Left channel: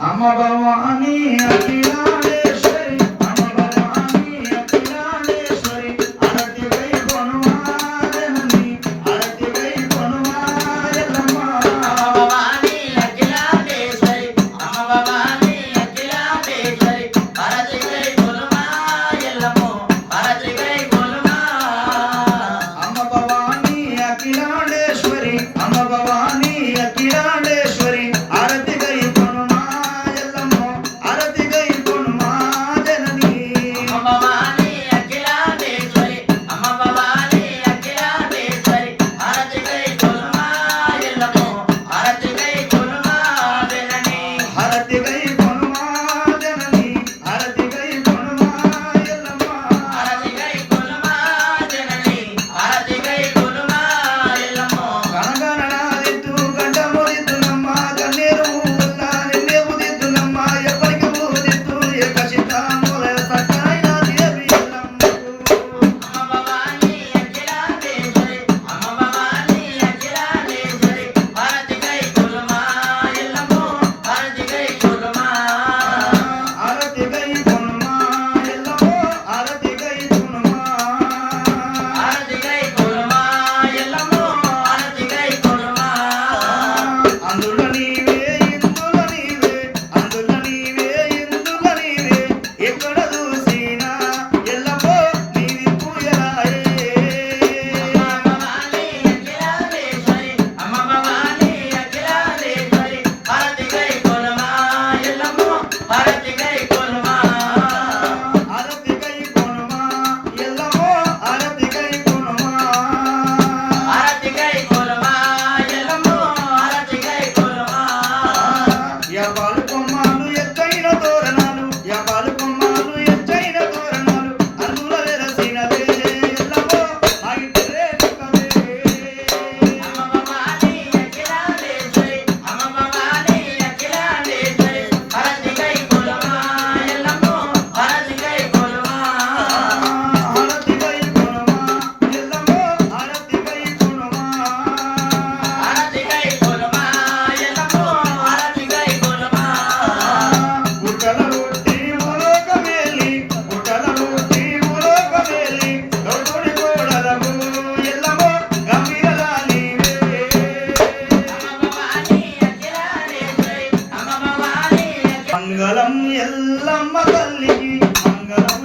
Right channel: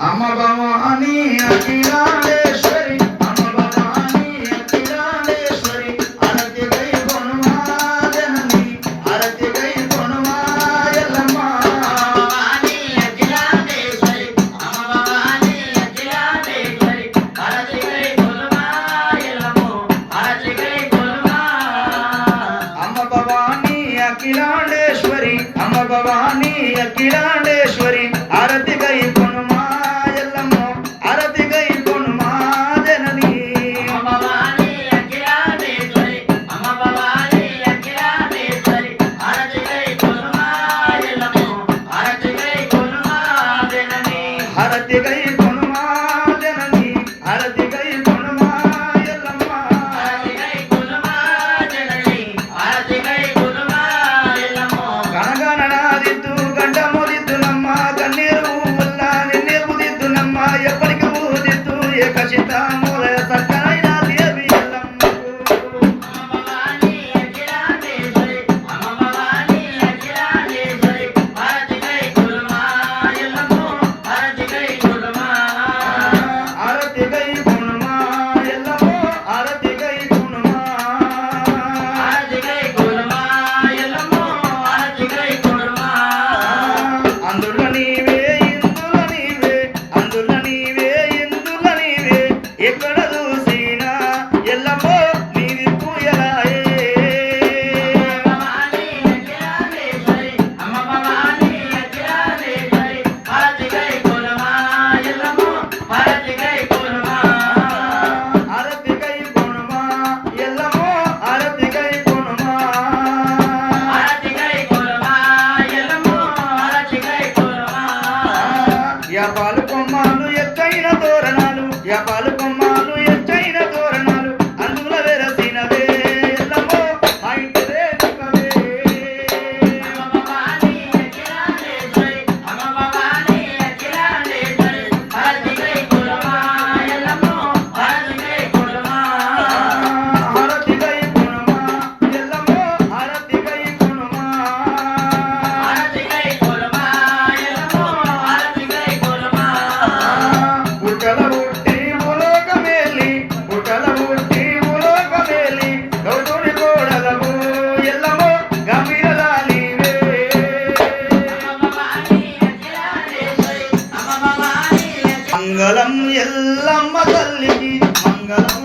అమ్మ భవాని అఖిలాండేశ్వరి అమ్మ భవాని అఖిలాండేశ్వరి అరతి గై కొనుమా జనని అరతి గై కొనుమా ఎల్లమ్మ భవాని అఖిలాండేశ్వరి అమ్మ భవాని అఖిలాండేశ్వరి అరతి గై కొనుమా ఎల్లమ్మ అరతి గై కొనుమా అమ్మ భవాని అఖిలాండేశ్వరి అమ్మ భవాని అఖిలాండేశ్వరి ఆరతి గై కొనుమా ఎల్లమ్మ ఆరతి గై కొనుమా జనని అమ్మ భవాని అఖిలాండేశ్వరి అమ్మ భవాని అఖిలాండేశ్వరి ఆరతి గై కొనుమా ఎల్లమ్మ ఆరతి గై కొనుమా జనని ఆరతి గై కొనుమా జనని ఆరతి గై కొనుమా ఎల్లమ్మ ఆరతి గై కొనుమా జనని ఆరతి గై కొనుమా ఎల్లమ్మ గణగణనాదితు గండముదితునమ్మ కన్నీరు ఉల్లా నిన్నే ఉదితునమ్మ ఎప్పటికి ఉదితు ఏకచితాముల సకైన దేవి ఎల్లమ్మ అమ్మ భవాని అఖిలాండేశ్వరి అమ్మ భవాని అఖిలాండేశ్వరి ఆరతి గై కొనుమా ఎల్లమ్మ ఆరతి గై కొనుమా ఆరతి గై కొనుమా ఎల్లమ్మ ఆరతి గై కొనుమా ఆరతి గై కొనుమా ఎల్లమ్మ ఆరతి గై కొనుమా అందుల నీవే ఇందుల నీవే అందుల నీవే ఇందుల నీవే ఎక్కడ చూసినా ఎల్లమ్మ నీవి పూయలాయే అమ్మ భవాని అఖిలాండేశ్వరి అమ్మ భవాని అఖిలాండేశ్వరి ఆరతి గై కొనుమా ఎల్లమ్మ ఆరతి గై కొనుమా ఆరతి గై కొనుమా ఎల్లమ్మ ఆరతి గై కొనుమా ఆరతి గై కొనుమా ఎల్లమ్మ ఆరతి గై కొనుమా యాపాలు కొమ్మాలు ఎత్తైన తోరణాలు యాపాలు కొమ్మాలు ఎత్తైన తోరణాలు అందుల వెరసినవే ఎల్లమ్మ ఐటవే కవే అమ్మ భవాని అఖిలాండేశ్వరి అమ్మ భవాని అఖిలాండేశ్వరి ఆరతి గై కొనుమా ఎల్లమ్మ ఆరతి గై కొనుమా ఆరతి గై కొనుమా ఎల్లమ్మ ఆరతి గై కొనుమా ఆరతి గై కొనుమా ఎల్లమ్మ ఆరతి గై కొనుమా పుట్టల పుట్టి ములోకమేలి పుట్టల పుట్టి ములోకమేలి గౌతుడి కోడలకు ఎల్లమ్మ గంభీరదా నీవే అమ్మ భవాని అఖిలాండేశ్వరి అమ్మ భవాని మంగళం ఎల్లమ్మ తల్లికి మంగళం